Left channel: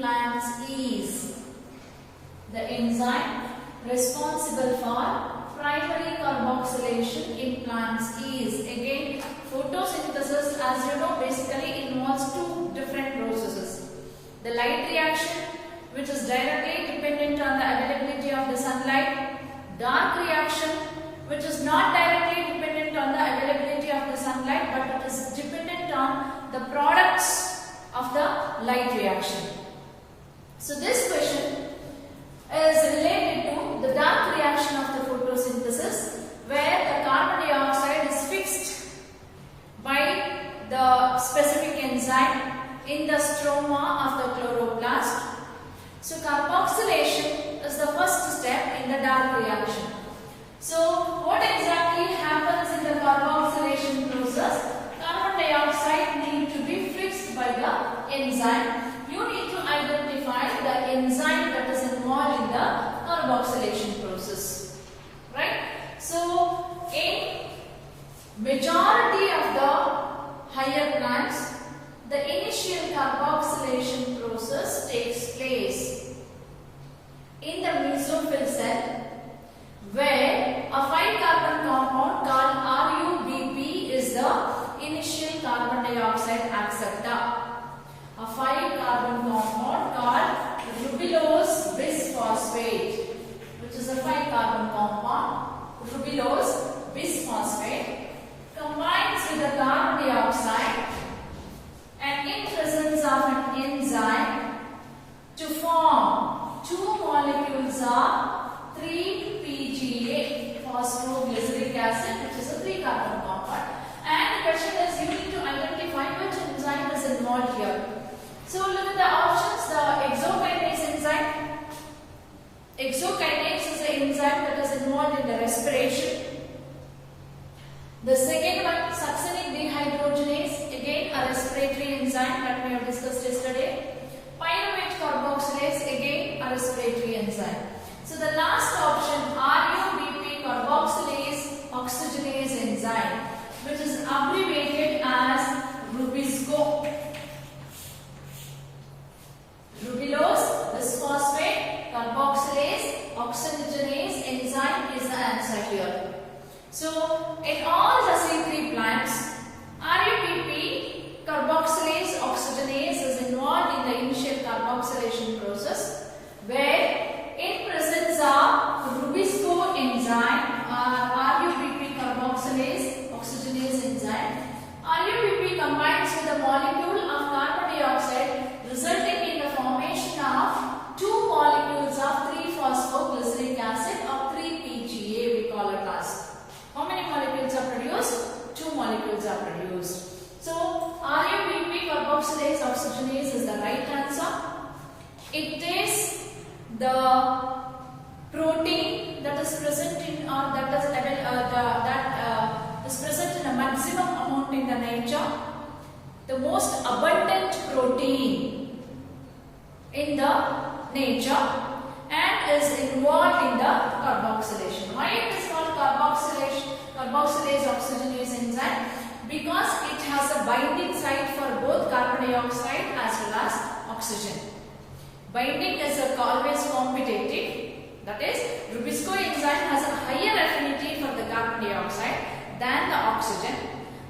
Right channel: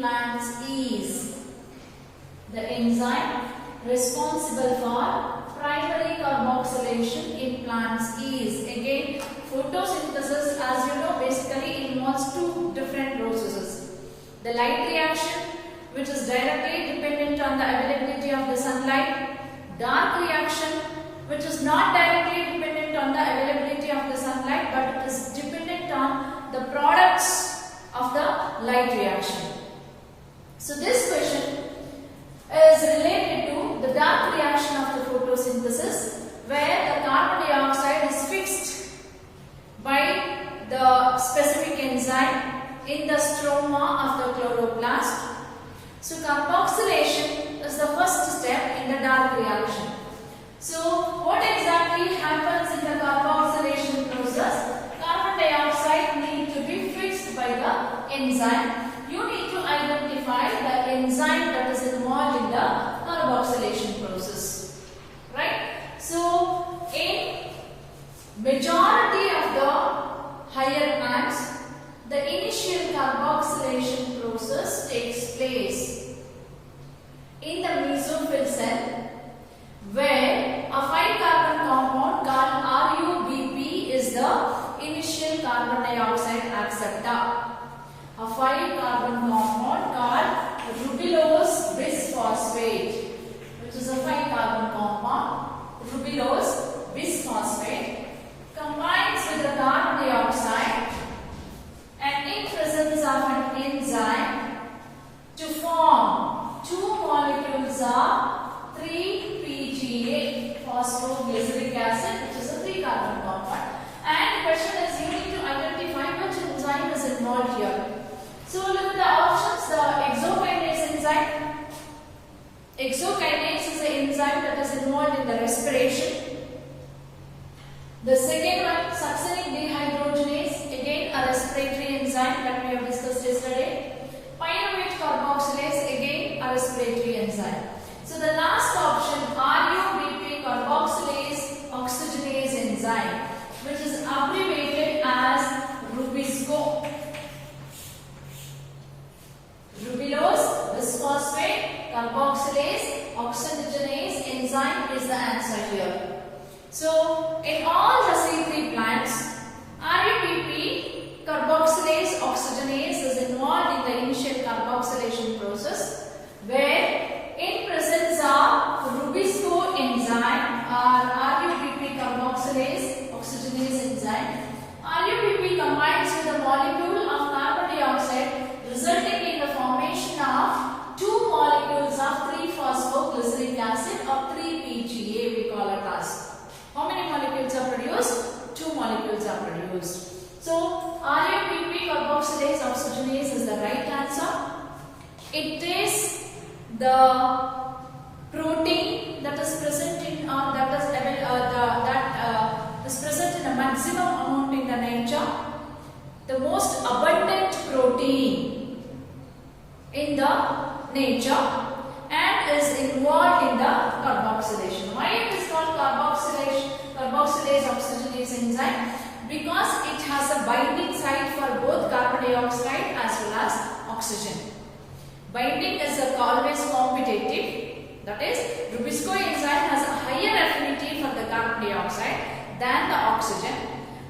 plants is the enzyme responsible for primary carboxylation in plants is. Again, photosynthesis, as you know, basically involves two different processes. The light reaction, which is directly dependent on the availability of the sunlight. Dark reaction, which is not directly dependent on the availability of the sunlight, but it is dependent on the products of the light reaction. So this question is related to the dark reaction of the photosynthesis, where the carbon dioxide is fixed by the specific enzyme in the stroma of the chloroplast. So carboxylation is the first step in the dark reaction. So what exactly happens in the carboxylation process? Carbon dioxide needs to be fixed by the enzyme. You need to identify the enzyme that is involved in the carboxylation process. Right? So in majority of the higher plants, the initial carboxylation process takes place in the mesophyll cell, where a 5-carbon compound called RuBP is the initial carbon dioxide acceptor. A 5-carbon compound called rubulose bisphosphate, which is a 5-carbon compound, rubulose bisphosphate, combines with the carbon dioxide and in presence of an enzyme to form two molecules of 3-PGA, phosphoglyceric acid, which is a 3-carbon compound. And the question is, you need to identify which enzyme is involved here. So look at the options. The exokinase enzyme. Exokinase is the enzyme that is involved in the respiration. The second one, succinic dehydrogenase, again a respiratory enzyme that we have discussed yesterday. Pyruvate carboxylase, again a respiratory enzyme. So the last option, RuBP carboxylase oxygenase enzyme, which is abbreviated as Rubisco. Rubulose bisphosphate carboxylase oxygenase enzyme is the answer here. So in all the C3 plants, RuBP carboxylase oxygenase is involved in the initial carboxylation process, where in presence of Rubisco enzyme or RuBP carboxylase oxygenase enzyme, RuBP combines with a molecule of carbon dioxide, resulting in the formation of two molecules of 3-phosphoglyceric acid or 3-PGA, we call it as. How many molecules are produced? 2 molecules are produced. So RuBP carboxylase oxygenase is the right answer. It is the protein that is present in is present in a maximum amount in the nature. The most abundant protein in the nature and is involved in the carboxylation. Why it is called carboxylase oxygenase enzyme? Because it has a binding site for both carbon dioxide as well as oxygen. Binding is always competitive. That is, Rubisco enzyme has a higher affinity for the carbon dioxide than the oxygen.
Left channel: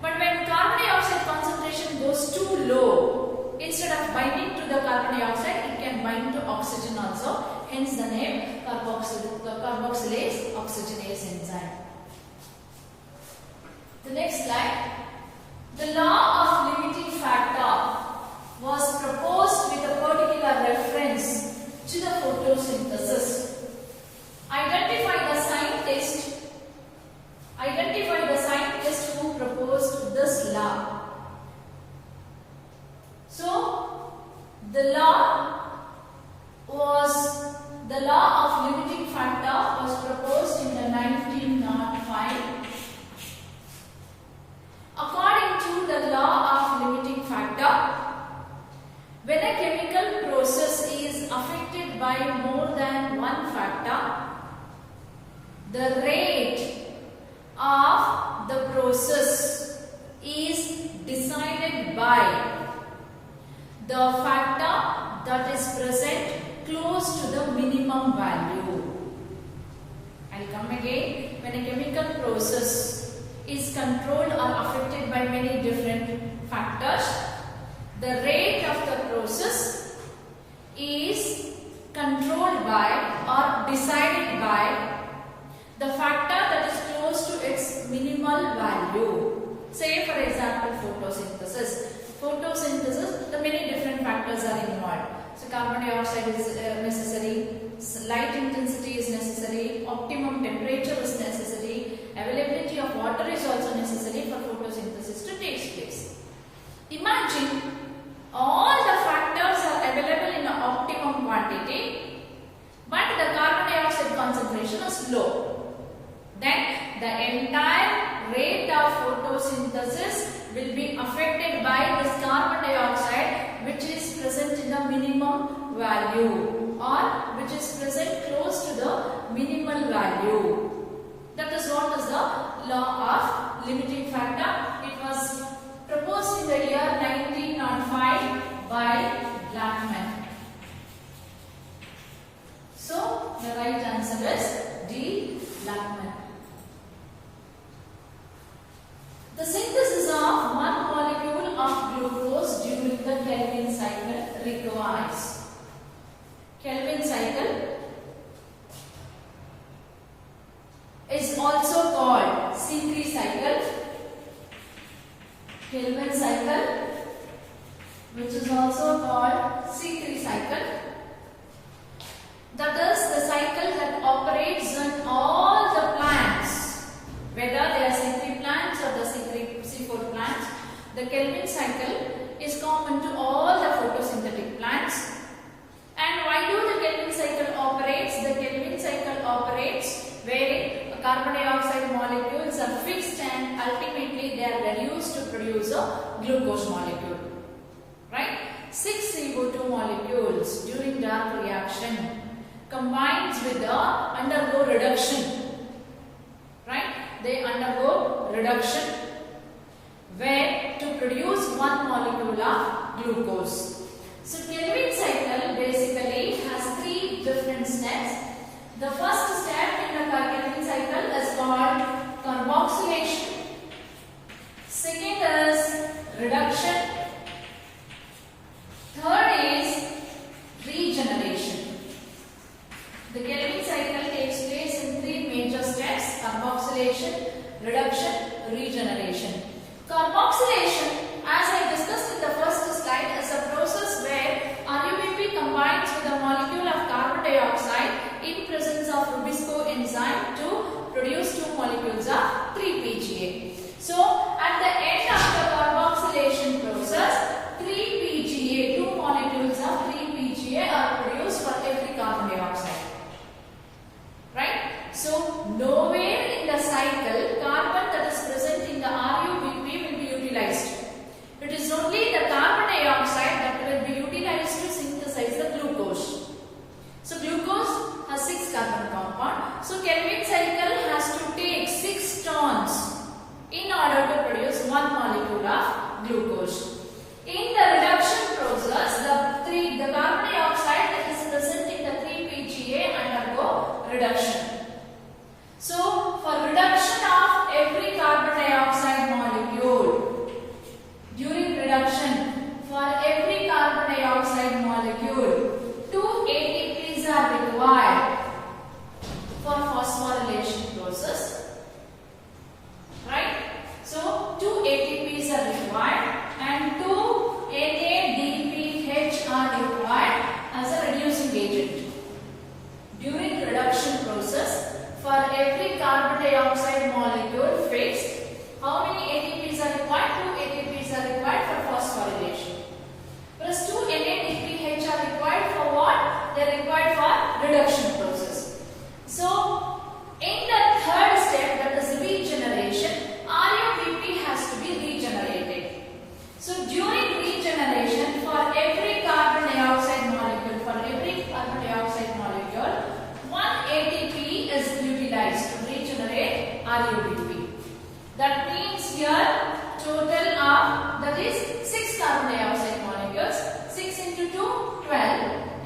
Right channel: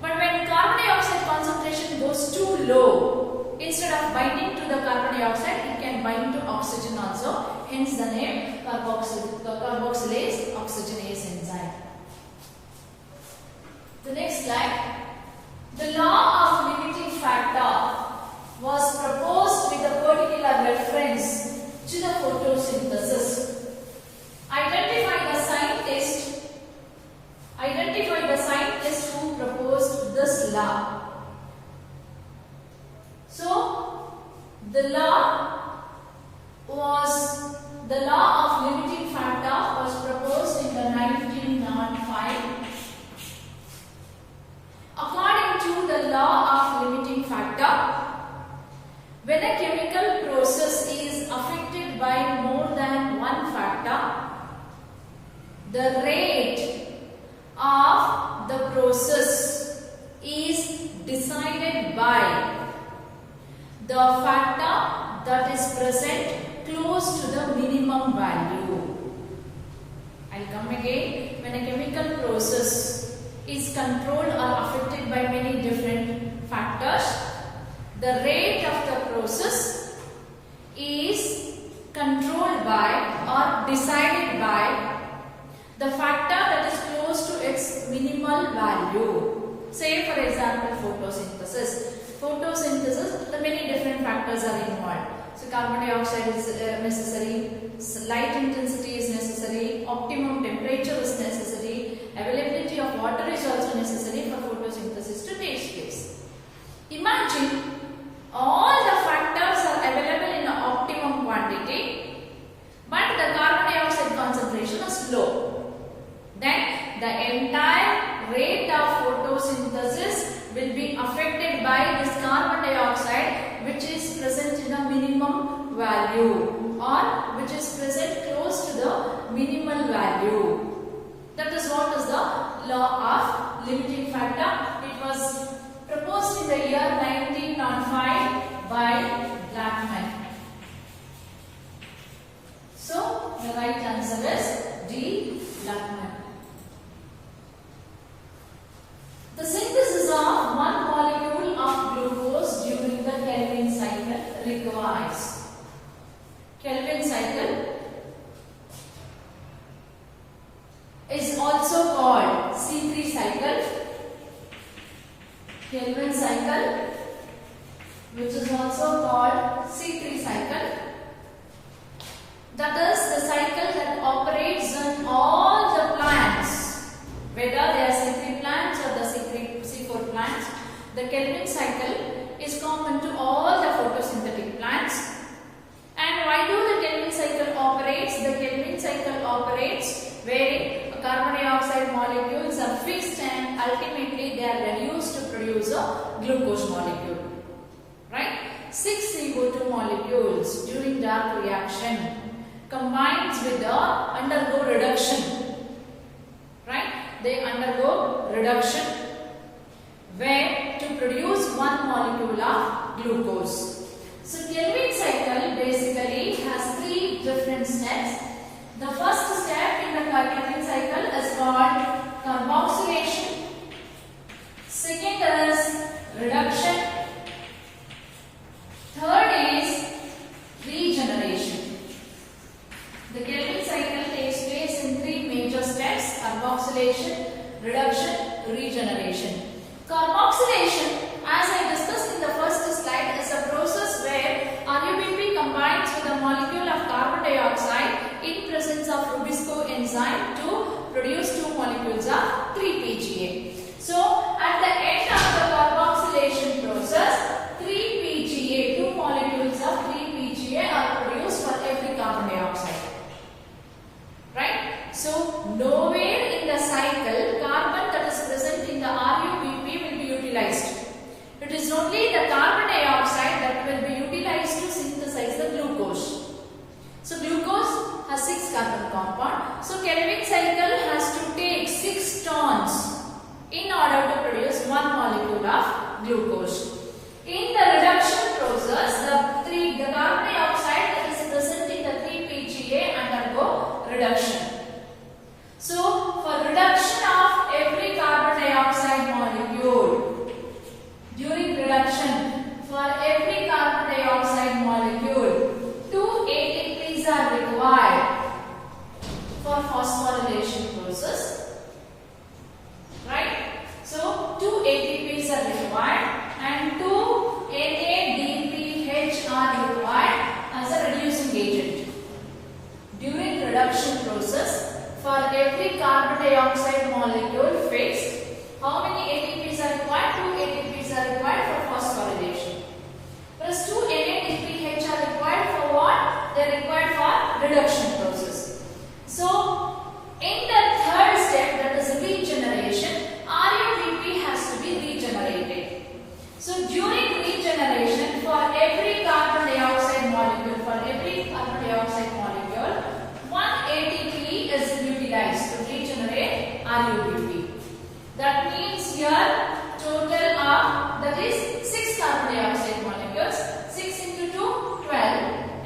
But when carbon dioxide concentration goes too low, instead of binding to the carbon dioxide, it can bind to oxygen also. Hence the name carboxylase oxygenase enzyme. The next slide. The law of limiting factor was proposed with a particular reference to the photosynthesis. Identify the scientist who proposed this law. So the law of limiting factor was proposed in the 1905. According to the law of limiting factor, when a chemical process is affected by more than one factor, the rate of the process is decided by the factor that is present close to the minimum value. I'll come again. When a chemical process is controlled or affected by many different factors, the rate of the process is controlled by or decided by the factor that is close to its minimal value. Say for example photosynthesis. Photosynthesis, the many different factors are involved. So carbon dioxide is necessary, light intensity is necessary, optimum temperature is necessary, availability of water is also necessary for photosynthesis to take place. Imagine all the factors are available in an optimum quantity, but the carbon dioxide concentration is low. Then the entire rate of photosynthesis will be affected by this carbon dioxide which is present in the minimum value or which is present close to the minimal value. That is what is the law of limiting factor. It was proposed in the year 1905 by Blackman. So the right answer is D. Blackman. The synthesis of one molecule of glucose during the Kelvin cycle requires. Kelvin cycle is also called C3 cycle. Kelvin cycle, which is also called C3 cycle. That is the cycle that operates on all the plants, whether they are C3 plants or the C4 plants. The Kelvin cycle is common to all the photosynthetic plants. And why do the Kelvin cycle operates? The Kelvin cycle operates wherein carbon dioxide molecules are freezed and ultimately they are reduced to produce a glucose molecule. Right? 6 CO2 molecules during dark reaction combines with the undergo reduction. Right? They undergo reduction where to produce one molecule of glucose. So Kelvin cycle basically has 3 different steps. The first step in the Kelvin cycle is called carboxylation. Second is reduction. Third is regeneration. The Kelvin cycle takes place in 3 major steps: carboxylation, reduction, regeneration. Carboxylation, as I discussed in the first slide, is a process where RUBP combines with a molecule of carbon dioxide in presence of Rubisco enzyme to produce 2 molecules of 3-PGA. So, at the end of the carboxylation process, 3-PGA, 2 molecules of 3-PGA are produced for every carbon dioxide. Right? So, nowhere in the cycle carbon that is present in the RUBP will be utilized. It is only the carbon dioxide that will be utilized to synthesize the glucose. So, glucose has 6 carbon compound. So, Kelvin cycle has to take 6 turns in order to produce 1 molecule of glucose. In the reduction process, the carbon dioxide that is present in the 3-PGA undergo reduction. So, for reduction of every carbon dioxide molecule, during reduction, for every carbon dioxide molecule, 2 ATPs are required for phosphorylation process. Right? So, 2 ATPs are required and 2 NADPH are required as a reducing agent. During reduction process, for every carbon dioxide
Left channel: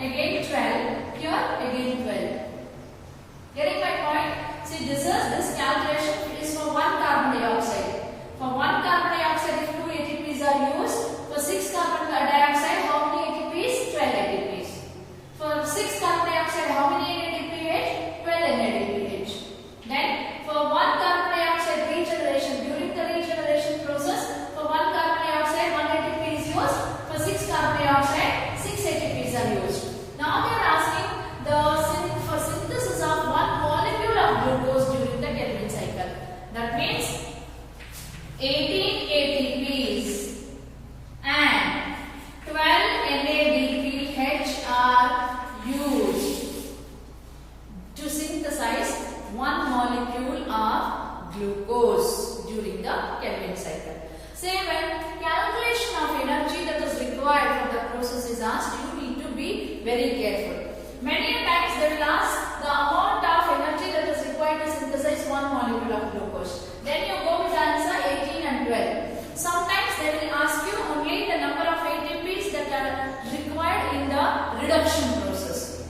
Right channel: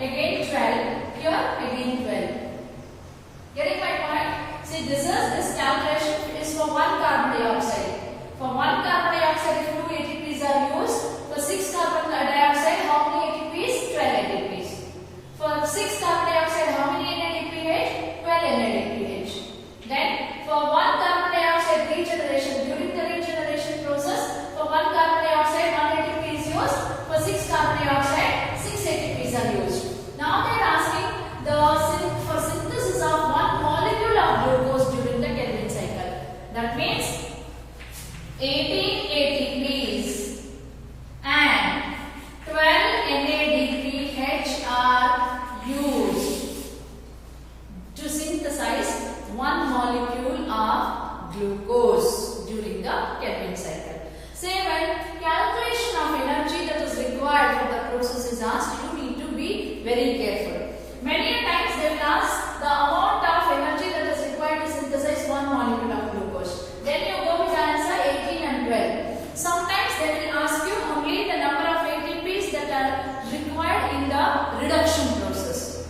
again 12, here again 12. Getting my point? See, this calculation is for 1 carbon dioxide. For 1 carbon dioxide, if 2 ATPs are used, for 6 carbon dioxide, how many ATPs? 12 ATPs. For 6 carbon dioxide, how many NADPH? 12 NADPH. Then, for 1 carbon dioxide regeneration, during the regeneration process, for 1 carbon dioxide, 1 ATP is used. For 6 carbon dioxide, 6 ATPs are used. Now they are asking for synthesis of 1 molecule of glucose during the Calvin cycle. That means 18 ATPs and 12 NADPH are used to synthesize 1 molecule of glucose during the Calvin cycle. Say when calculation of energy that is required for the process is asked, you need to be very careful. Many times they will ask the amount of energy that is required to synthesize 1 molecule of glucose. Then you go with the answer 18 and 12. Sometimes they will ask you only the number of ATPs that are required in the reduction process.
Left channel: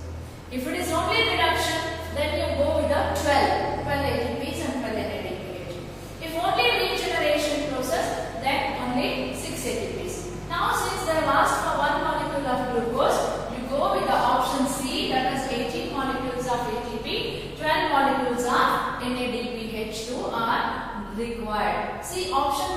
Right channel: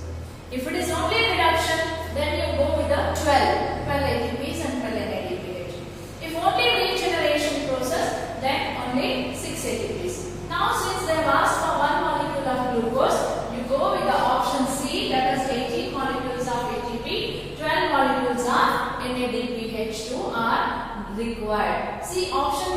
If it is only reduction, then you go with the 12 ATPs and 12 NADPH. If only regeneration process, then only 6 ATPs. Now since they have asked for 1 molecule of glucose, you go with the option C, that is 18 molecules of ATP, 12 molecules of NADPH2 are required. See, option